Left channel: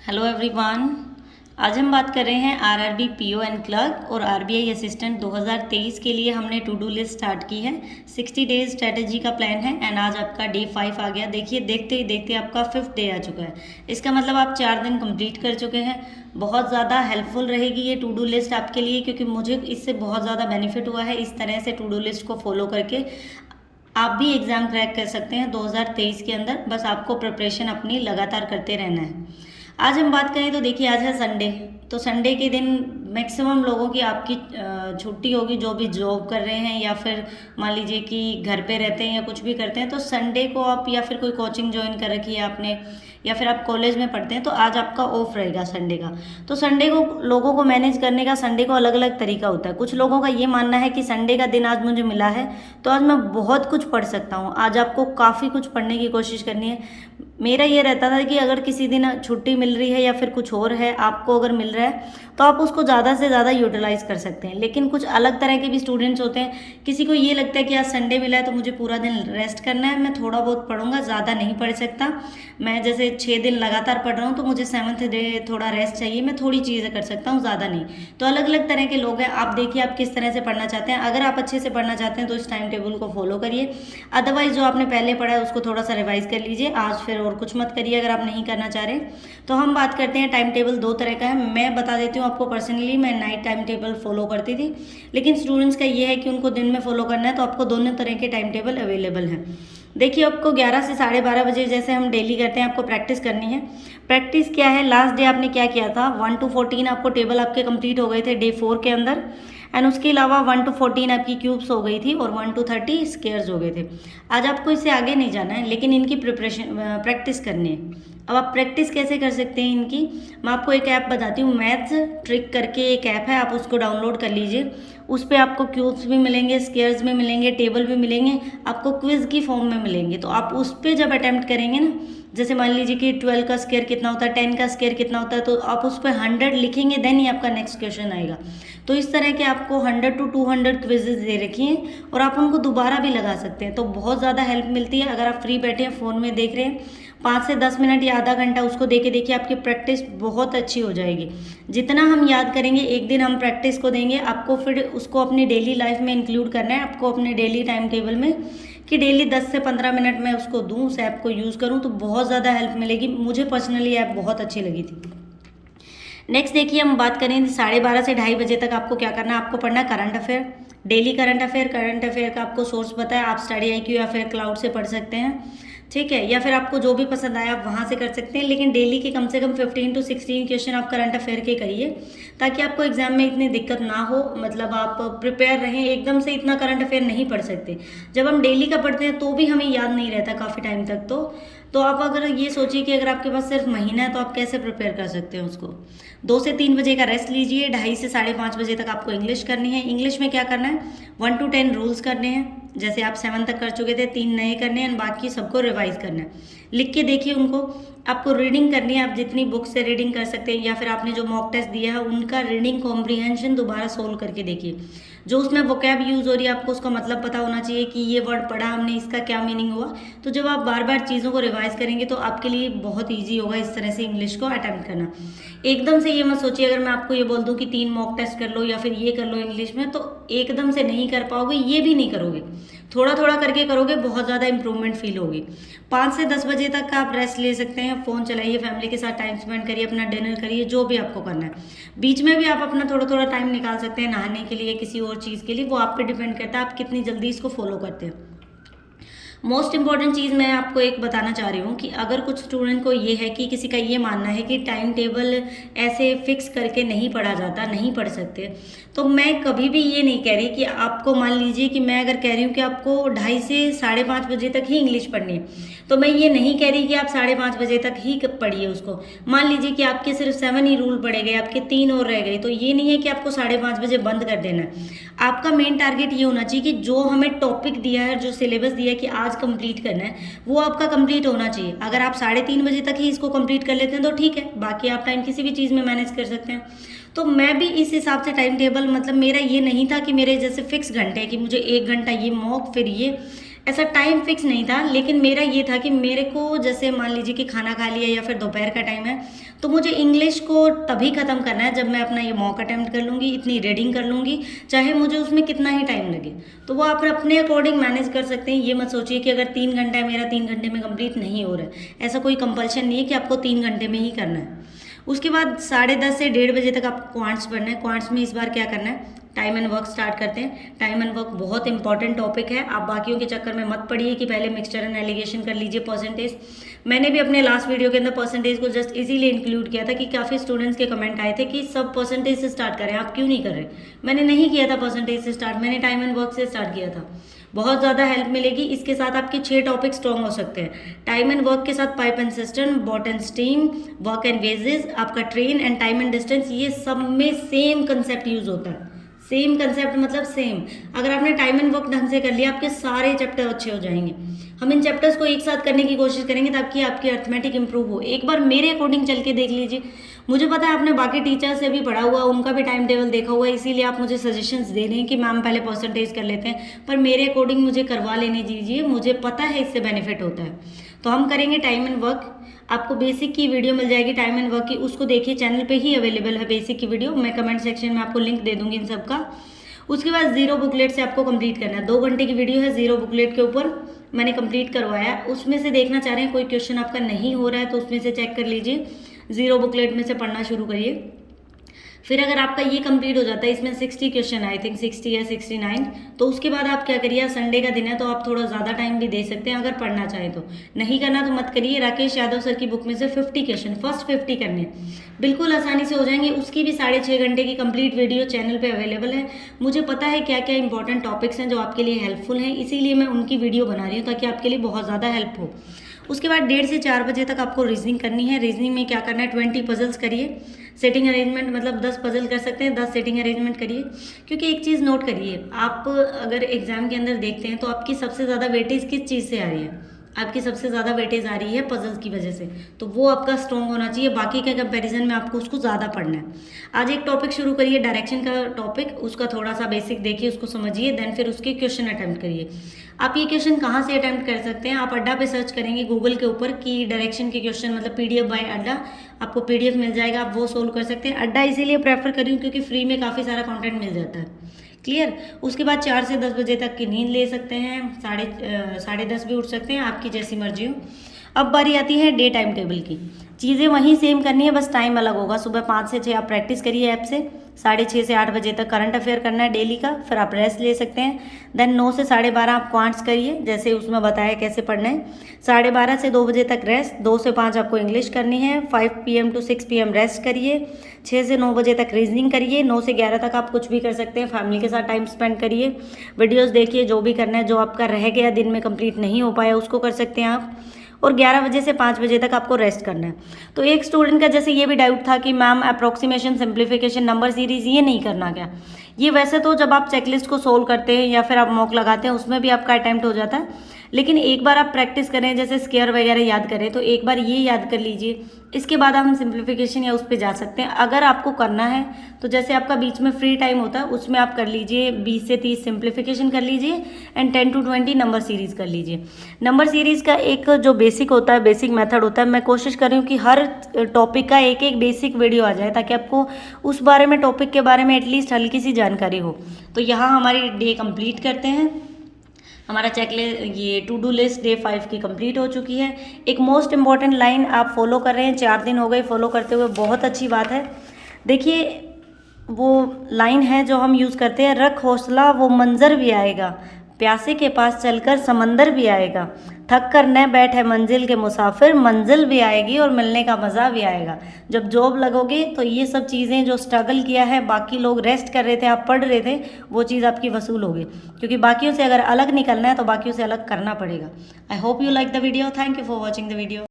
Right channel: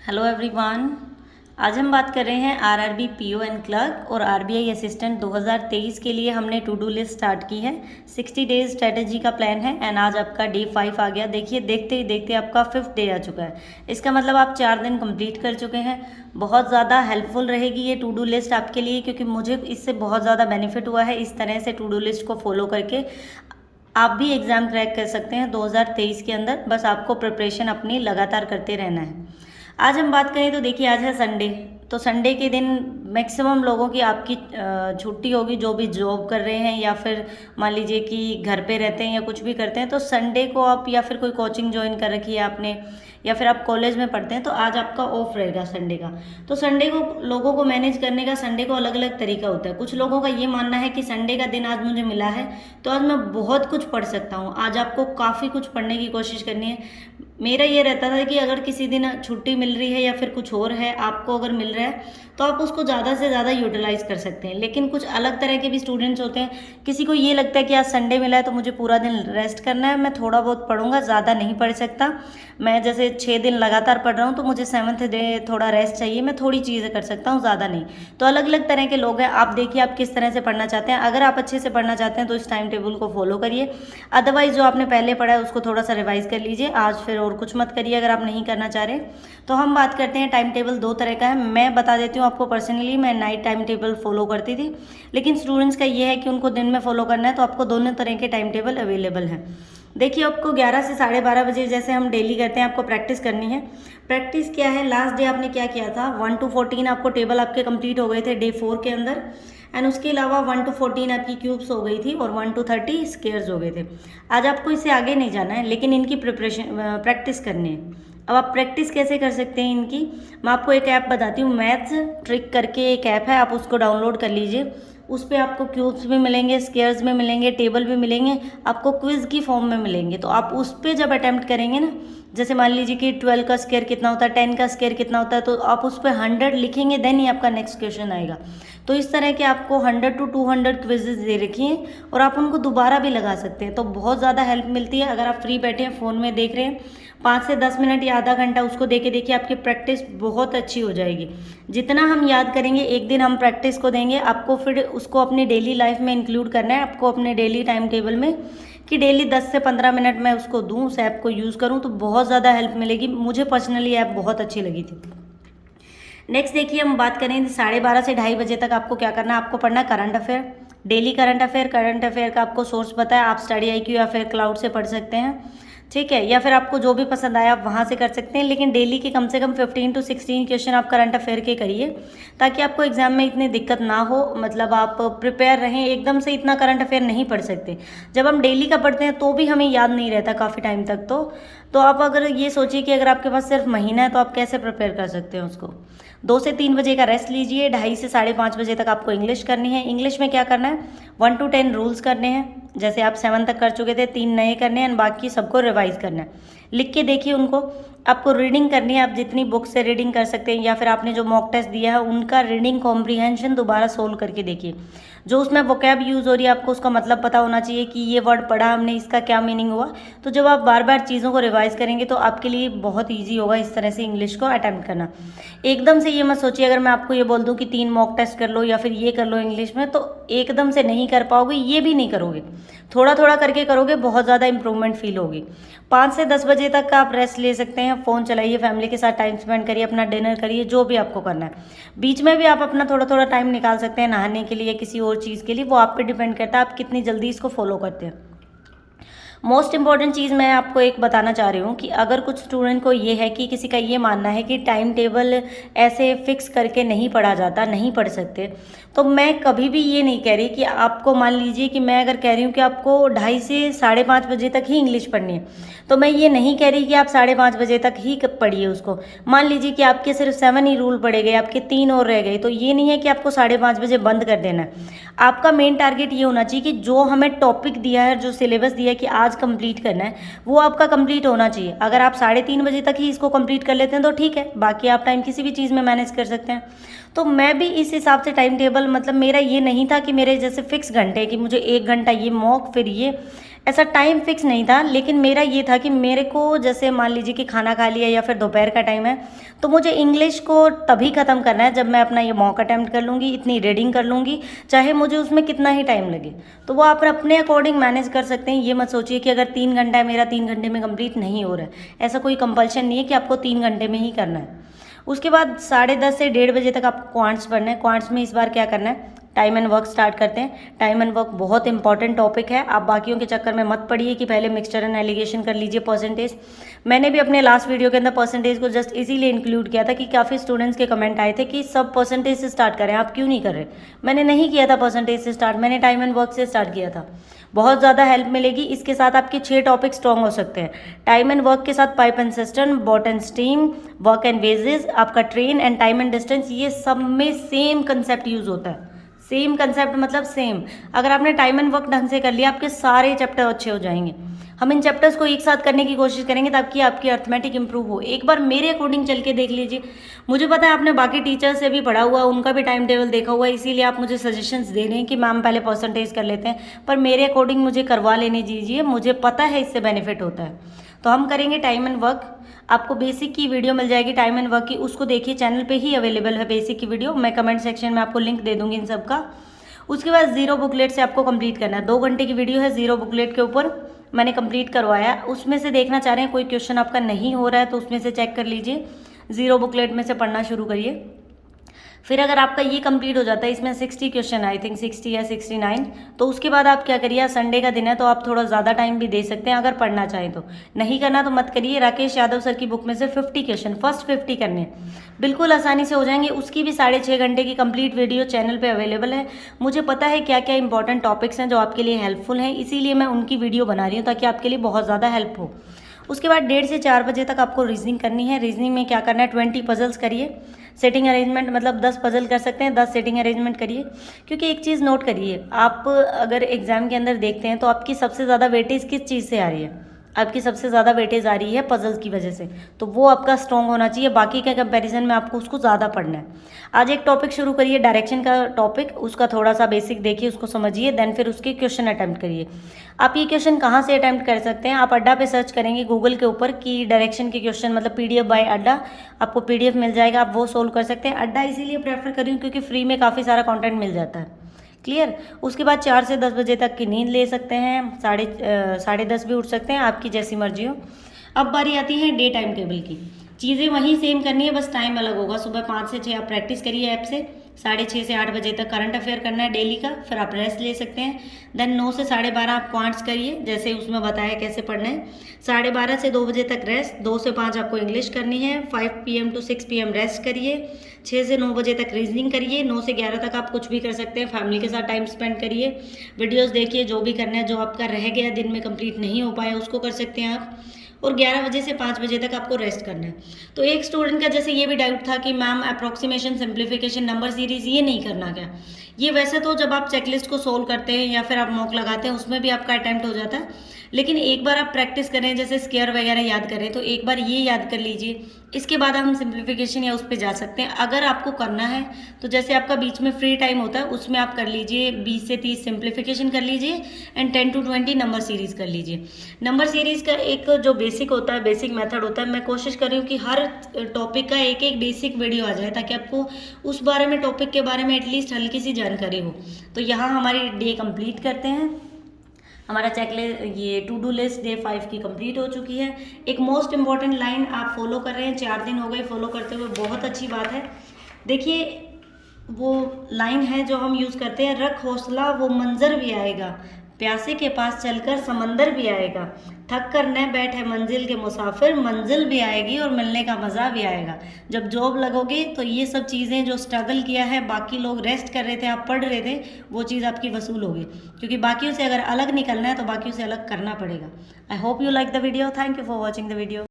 Hello everyone. आज हम बात कर रहे हैं आरआरबी पीओ एंड क्लर्क और आरबीआई असिस्टेंट 2023 के लिए हमने टू डू लिस्ट स्टार्ट की है। 60 डेज स्ट्रेटजी का प्लान है एंड आज आपका डे 5 आ गया। देखिए देखते ही देखते आपका 5th डे आ चुका है। इसका मतलब आप 4 दिन कंप्लीट कर चुके हैं। बहुत ज़्यादा हेल्पफुल रहेगी ये टू डू लिस्ट आपके लिए, क्योंकि मुझे इससे बहुत ज़्यादा बेनिफिट हुआ है। इस तरह से टू डू लिस्ट को फॉलो करके आप भी एग्ज़ाम क्रैक कर सकते हैं 2023 के अंदर। बस आपको प्रिपरेशन अपनी लगातार करते रहना है। आज हम बात करें तो देखिए आज है संडे। तो संडे के दिन मैक्सिमम लोगों की आपकी छुट्टी होगी, जो भी जॉब कर रहे हैं या फिर मान लीजिए कि घर पे रहते हैं या कुछ भी करते हैं। तो संडे को आप या फिर कोई कोचिंग ज्वाइन कर रखी है आपने या फिर आप कॉलेज में पढ़ते हैं तो आज आपका ऑफ रहेगा संडे का। तो संडे को लोगों को मैनेज करने का संडे को अलग अलग तरीका होता है। कुछ लोगों का ये मानना है कि संडे का दिन आज मुझे मिला है तो आज मैं बहुत कुछ पढ़ सकता हूँ। आज आपको काफ़ी कुछ पढ़ने की कोशिश करनी है। मेरा ये रहता था कि अगर किसी दिन छुट्टी मिल रही है या फिर कुछ और है आपको अगर मिल रहा है तो आप उसको ज़्यादा से ज़्यादा यूटिलाइज़ कर सकते हैं। लेकिन कुछ अलग तरह के भी स्टूडेंट्स होते हैं। किसी को ये लगता है कि आज संडे मिला है तो मुझे पूरा दिन रेस्ट करना है, मैं थोड़ा बहुत पढ़ूंगा, ज़्यादा नहीं पढ़ सकता। मैं जैसे 6 दिन लगातार पढ़ रहा हूँ तो मुझे 7th डे थोड़ा रेस्ट चाहिए, मैं थोड़ी चीज़ें कर सकता हूँ, ज़्यादा नहीं। तो अलग अलग तरह के लोग हैं। आप देखिए आप किस तरह से पढ़ना चाहते हैं। अगर आप अच्छे से पढ़ना चाहते हैं तो इस टाइम टेबल को फॉलो करिए। अदरवाइज जो आपने पहले पढ़ा है उसको थोड़ा सा रिवाइज कर लीजिए। आज फिर और कुछ मत करिए अगर आप नहीं करना चाह रहे। तो हम बात करते हैं, टाइम टेबल 2 तरह का है। मैं बता देती हूँ आपको पर्सनली, मैं नाइट टाइम टेबल फॉलो करती थी, लेकिन स्टूडेंट्स का ये है कि उनको दिन में फॉलो करना है। तो आपको दोनों तरह के टाइम टेबल अवेलेबल हैं। देखिए आपको 11 से 12:30 बजे जैसे हम डेली करते हैं आपको प्रैक्टिस करनी है। प्रैक्टिस क्या है, लास्ट डे आपने क्या किया था, 1 to 14 आपको टेबल आपके कंप्लीट हो गए थे डे 4 के अंदर। एंड उसके अलावा 1 to 14 आपकी क्यूब्स हो गई थी और 1 to 30 स्केयर्स हो गए थे। आज आपको इससे आगे नहीं जाना है, लेकिन इनकी प्रिपरेशन प्रैक्टिस करनी है। अब आप प्रैक्टिस कैसे कर सकते हैं इनकी, मैं आपको एक ऐप बताती हूँ। मैथ्स ट्रिक करके एक ऐप है, आप उसको डाउनलोड कर लीजिए। उस पर आपको क्यूब्स भी मिलेंगे, स्केयर्स भी मिलेंगे, टेबल भी मिलेंगे, आपको क्विज की फॉर्म में मिलेंगे। तो आप उस पर जब अटैम्प्ट करेंगे ना, जैसे मान लीजिए कि 12 का स्केयर कितना होता है, 10 का स्केयर कितना होता है, तो आप उस पर 100 लिखेंगे, देन ही आपका नेक्स्ट क्वेश्चन आएगा। तो इस तरह के आपको 100 to 200 क्विजेज दे रखी हैं और आप उनको दोबारा भी लगा सकते हैं। तो बहुत ज़्यादा हेल्प मिलती है। अगर आप फ्री बैठे हैं फ़ोन में देख रहे हैं, 5 से 10 मिनट या आधा घंटा उसको देखे देखिए, आपकी प्रैक्टिस बहुत अच्छी हो जाएगी। जितना हम याद करेंगे, एक दिन हम प्रैक्टिस को देंगे, आपको फिर उसको अपनी डेली लाइफ में इंक्लूड करना है। आपको अपने डेली टाइम टेबल में कि डेली 10 से 15 मिनट मैं उसको दूँ, उस ऐप को यूज़ करूँ, तो बहुत ज़्यादा हेल्प मिलेगी। मुझे पर्सनली ऐप बहुत अच्छी लगी थी। नेक्स्ट देखिए हम बात करें 12:30 से 2:30 बजे तक आपको क्या करना है। आपको पढ़ना current affair, daily current affair. Current affair का आपको सोर्स पता है, आप स्टडी IQ या फिर क्लाउड से पढ़ सकते हैं, ठीक है, या फिर आपको जो भी पसंद आया आप वहाँ से कर सकते हैं। लेकिन डेली के कम से कम 15 to 16 क्वेश्चन आप करंट अफेयर के करिए, ताकि आपको एग्जाम में इतनी दिक्कत ना हो। मतलब आप प्रिपेयर रहें। एकदम से इतना करंट अफेयर नहीं पढ़ सकते। जब हम डेली का पढ़ते हैं तो भी हमें याद नहीं रहता काफ़ी टाइम तक। तो आप अगर ये सोचिए कि अगर आपके पास सिर्फ महीना है तो आप कैसे प्रिपेयर कर सकते हैं उसको। 2 से 3 बजे का रेस्ट लीजिए। 2:30 से 5:30 बजे तक आपको इंग्लिश करनी है। इंग्लिश में क्या करना है, 1 to 10 रूल्स करने हैं। जैसे आप 7 तक कर चुके थे, 3 नए करने हैं, बाकी सबको रिवाइज करना है। लिख के देखिए उनको। आपको रीडिंग करनी है, आप जितनी बुक से रीडिंग कर सकते हैं या फिर आपने जो मॉक टेस्ट दिया है उनका रीडिंग कॉम्प्रीहेंशन दोबारा सोल्व करके देखिए। जो उसमें वोकैब यूज़ हो रही है आपको उसका मतलब पता होना चाहिए कि ये वर्ड पढ़ा हमने, इसका क्या मीनिंग हुआ। तो जब आप बार बार चीज़ों को रिवाइज करेंगे तो आपके लिए बहुत ईजी होगा इस तरह से इंग्लिश को अटैम्प्ट करना। एकदम से ये मत सोचिए, अगर मैं आपको ये बोल दूँ कि 3 मॉक टेस्ट कर लो या फिर ये कर लो इंग्लिश में, तो एकदम से नहीं कर पाओगे, ये भी नहीं करोगे। थोड़ा थोड़ा करके करोगे, बहुत ज़्यादा इंप्रूवमेंट फील होगी। 5 से 10 बजे तक आप रेस्ट ले सकते हैं। फ़ोन चलाइए, फैमिली के साथ टाइम स्पेंड करिए, अपना डिनर करिए, जो भी आपको करना है। बीच में भी आप अपना थोड़ा थोड़ा टाइम निकाल सकते हैं नहाने के लिए, किसी और चीज़ के लिए, वो आप पे डिपेंड करता है आप कितनी जल्दी इसको फॉलो करते हैं। मोस्ट इंपॉर्टेंट चीज़ मैं आपको एक बताना चाह रही हूँ कि अगर कुछ स्टूडेंट को ये है कि किसी का ये मानना है कि टाइम टेबल ऐसे फिक्स करके नहीं पढ़ा जाता, नहीं पढ़ सकते, तो मैं कभी भी ये नहीं कह रही कि आपको, मान लीजिए कि मैं अगर कह रही हूँ कि आपको 2:30 से 5:30 बजे तक ही इंग्लिश पढ़नी है, तो मैं ये नहीं कह रही कि आप 5:30 बजे तक ही पढ़िए उसको। मान लीजिए कि आपके सिर्फ 7 ही रूल पढ़े गए, आपके 3 और रह गए, तो ये नहीं है कि आपको 5:30 बजे बंद कर देना है। आपका मेन टारगेट ये होना चाहिए कि जो हमें टॉपिक दिया है, जो सिलेबस दिया है कि आज कंप्लीट करना है, वो आपका कंप्लीट होना चाहिए। अगर आप 3:30 बजे तक ही इसको कंप्लीट कर लेते हैं तो ठीक है, बाकी आप टाइम किसी भी चीज़ में मैनेज कर सकते हैं। तो मैं भी इस हिसाब से टाइम टेबल, मतलब मेरा ये नहीं था कि मेरे जैसे फिक्स घंटे कि मुझे 1 घंटा ये मॉक फिर ये, ऐसा टाइम फिक्स नहीं था, लेकिन मेरा ये था कि मेरे को जैसे मान लीजिए कि खाना खा लिया या फिर दोपहर का टाइम है, तो मुझे इंग्लिश को तभी ख़त्म करना है जब मैं अपना ये मॉक अटैम्प्ट कर लूँगी, इतनी रीडिंग कर लूँगी, चाहे मुझे उसमें कितना ही टाइम लगे। तो वो आप अपने अकॉर्डिंग मैनेज कर सकते हैं। ये मत सोचिए कि अगर 3 घंटा है मेरा 3 घंटे में कंप्लीट नहीं हो रहा है, ऐसा कोई कंपल्शन नहीं है कि आपको 3 घंटे में ही करना है। उसके बाद 10:30 से 1:30 बजे तक आपको क्वांट्स पढ़ना है। क्वांट्स में इस बार क्या करना है, टाइम एंड वर्क स्टार्ट करते हैं। टाइम एंड वर्क बहुत इंपॉर्टेंट टॉपिक है, आप बाकियों के चक्कर में मत पड़िए कि पहले मिक्सचर एंड एलिगेशन कर लीजिए परसेंटेज। मैंने भी अपने लास्ट वीडियो के अंदर परसेंटेज को जस्ट इसीलिए इंक्लूड किया था कि काफ़ी स्टूडेंट्स के कमेंट आए थे कि सब परसेंटेज से स्टार्ट करें, आप क्यों नहीं कर रहे। मैंने नहीं किया था परसेंटेज से स्टार्ट, मैंने टाइम एंड वर्क से स्टार्ट किया था। बहुत ज़्यादा हेल्प मिलेगी। इसके साथ आपके 6 टॉपिक स्ट्रॉन्ग हो सकते हैं। टाइम एंड वर्क के साथ pipe and cistern, boat and stream, work and wages, आपका train and time and distance, ये सब में सेम कंसेप्ट यूज होता है। सेम कंसेप्ट मतलब सेम। अगर आपने टाइम एंड वर्क ढंग से कर लिया, आपके सारे चैप्टर अच्छे हो जाएंगे। हम इन चैप्टर्स को एक साथ करने की कोशिश करेंगे ताकि आपकी अर्थमेटिक इंप्रूव हो। एक बार मेरे अकॉर्डिंग चल के देख लीजिए। मुझे पता है आपने बाकी टीचर्स से भी पढ़ा हुआ, उनका भी टाइम टेबल देखा हुआ है, इसीलिए आप मुझे सजेशंस दे रहे हैं कि मैम पहले परसेंटेज कर लेते हैं, पर मेरे अकॉर्डिंग मुझे करवा लेने दीजिए। मुझे पता है इससे बेनिफिट होता है। तो हम करेंगे टाइम एंड वर्क। आपको बेसिक की वीडियो मिल जाएगी टाइम एंड वर्क की, उसको देखिए, चैनल पे ही अवेलेबल है बेसिक की वीडियो। मैं कमेंट सेक्शन में आपको लिंक दे दूंगी इन सब का। उसके बाद जीरो बुकलेट से आपको कंप्लीट करना है। 2 घंटे की वीडियो है जीरो बुकलेट के ऊपर, मैंने कंप्लीट करवाया। उसमें से देखना चाह रहे हैं कोई क्वेश्चन आपका नहीं हो रहा है तो उसमें से चेक कर लीजिए, जीरो बुकलेट में से पढ़ना शुरू करिए। फिर अगर आपका ये कंप्लीट हो जाता है, इसमें 60 क्वेश्चन, आई थिंक 60 या 69, तो उसके बाद आप क्या करिए, संडे का दिन है तो आप थोड़ा ज़्यादा टाइम भी दे सकते हैं अगर पढ़ना चाहें तो। नहीं करना तो मत करिए। राकेश यादव सर की बुक में से 50 क्वेश्चन, फर्स्ट 50 करने, बिल्कुल आसानी से हो जाएंगे। उसकी भी 6.5 घंटे की कंप्लीट वीडियो चैनल पर अवेलेबल है। मुझे पता है क्या क्या इंपॉर्टेंट टॉपिक्स हैं जो आपके लिए हेल्पफुल हैं, इसीलिए मैं उनकी वीडियो बना रही हूँ ताकि आपके लिए बहुत ज़्यादा हेल्प हो। उसके बाद 1:30 से 4 बजे तक आपको रीजनिंग करनी है। रीजनिंग में क्या करना है, 20 पजल्स करिए। सेटिंग अरेंजमेंट मतलब 10 पजल कर सकते हैं, 10 सेटिंग अरेंजमेंट करिए। क्योंकि एक चीज़ नोट करिए, आप अगर एग्जाम के अंदर देखते हैं तो आपकी सबसे ज़्यादा वेटेज किस चीज़ से आ रही है, आपकी सबसे ज़्यादा वेटेज आ रही है पजल्स की वजह से, तो वो आपका स्ट्रॉन्ग होना चाहिए। बाकी के कंपैरिजन में आपको उसको ज़्यादा पढ़ना है। आज एक टॉपिक शुरू करिए, डायरेक्शन का टॉपिक, उसका थोड़ा सा बेसिक देखिए, उसको समझिए, देन फिर उसके क्वेश्चन अटैम्प्ट करिए। आप ये क्वेश्चन कहाँ से अटैम्प्ट कर सकते हैं, आप अड्डा पे सर्च करेंगे गूगल के ऊपर कि डायरेक्शन के क्वेश्चन, मतलब PDF बाय अड्डा, आपको PDF मिल जाएगा, आप वो सोल्व कर सकते हैं। अड्डा इसीलिए प्रेफर करी क्योंकि फ्री में काफ़ी सारा कंटेंट मिल जाता है। क्लियर। उसके बाद 4 से 10 बजे तक की नींद ले सकते हैं, 10:30 भी उठ सकते हैं, आपकी जैसी मर्जी हो। अब बारी आती है डे टाइम टेबल की। चीज़ें वहीं सेम करनी है, बस टाइम अलग होगा। सुबह 5 से 6 आप प्रैक्टिस करिए ऐप से, 6:30 से 8 बजे तक करंट अफेयर करना है डेली का, फिर आप रेस्ट ले सकते हैं। देन 9 से 12:30 आप क्वांट्स करिए, जैसे उसमें बताया कैसे पढ़ना है। 12:30 से 2 बजे तक रेस्ट, 2 से 5 आपको इंग्लिश करनी है। 5 PM to 6 PM रेस्ट करिए। 6 से 9 बजे तक रीजनिंग करिए। 9 से 11 तक आप कुछ भी कर सकते हैं, फैमिली के साथ टाइम स्पेंड करिए, वीडियोज़ देखिए, जो भी करना है, जो आपका रह गया दिन में कंप्लीट नहीं हो पाया उसको कर सकते हैं आप। और 11 बजे से 5 बजे तक आपको रेस्ट करना है। तो एक स्टूडेंट का जैसे ये भी डाउट था कि ma'am approximation, simplification, number series ये नहीं करना क्या, ये वैसे तो जब आप चेकलिस्ट को सोल्व करते हैं या फिर आप मॉक लगाते हैं उसमें भी आपका अटैम्प्ट हो जाता है, लेकिन एक बार आप प्रैक्टिस करें, जैसे स्क्वायर वगैरह याद करें, तो एक बार ये याद कर लीजिए, इसके बाद हम सिंप्लीफिकेशन या उस पर जा सकते हैं। अगर आपको करना है तो जैसे आपका बीच में फ्री टाइम होता है उसमें आप कर लीजिए 20 से 30 सिंप्लीफिकेशन कर लीजिए एंड 10 to 20 नंबर सीरीज़ कर लीजिए। नंबर सीरीज़ का एक जो बेसिक होता है, बेसिक मेथड होता है, मैं कोशिश कर रही हूँ कि हर टॉपिक का एक एक बेसिक वीडियो आ जाए ताकि आपको उस बारे में, टॉपिक के बारे में एटलीस्ट हल्की सी जानकारी हो। तो यहाँ हमारी डे कंप्लीट करते हैं। हमारा चेकलिस्ट, ये टू डू लिस्ट डे 5 की कंप्लीट हो चुकी है। एक मोस्ट इंपॉर्टेंट लाइन आप फॉलो कर रहे हैं, 4 दिन हो गए फॉलो करते हुए, बहुत अच्छी बात है। देखिए वो लाइन है जो हम यूज़ करते हैं, रख हौसला वो मंजर भी आएगा, प्यासे के पास चलकर समंदर भी आएगा, थक कर न बैठे मंजिल के मुसाफिर, मंजिल भी आएगी और मिलने का मज़ा भी आएगा। जब जॉब लगोगे तो ये सब चीज़ें जो स्ट्रगल किया है, बाकी लोग रेस्ट कर रहे थे, आप पढ़ रहे थे, वो चीज़ आपकी वसूल होगी, क्योंकि बाकियों से अगर अलग निकलना है तो बाकियों से अलग करना पड़ेगा। I hope you like the video. Thank you for watching the video.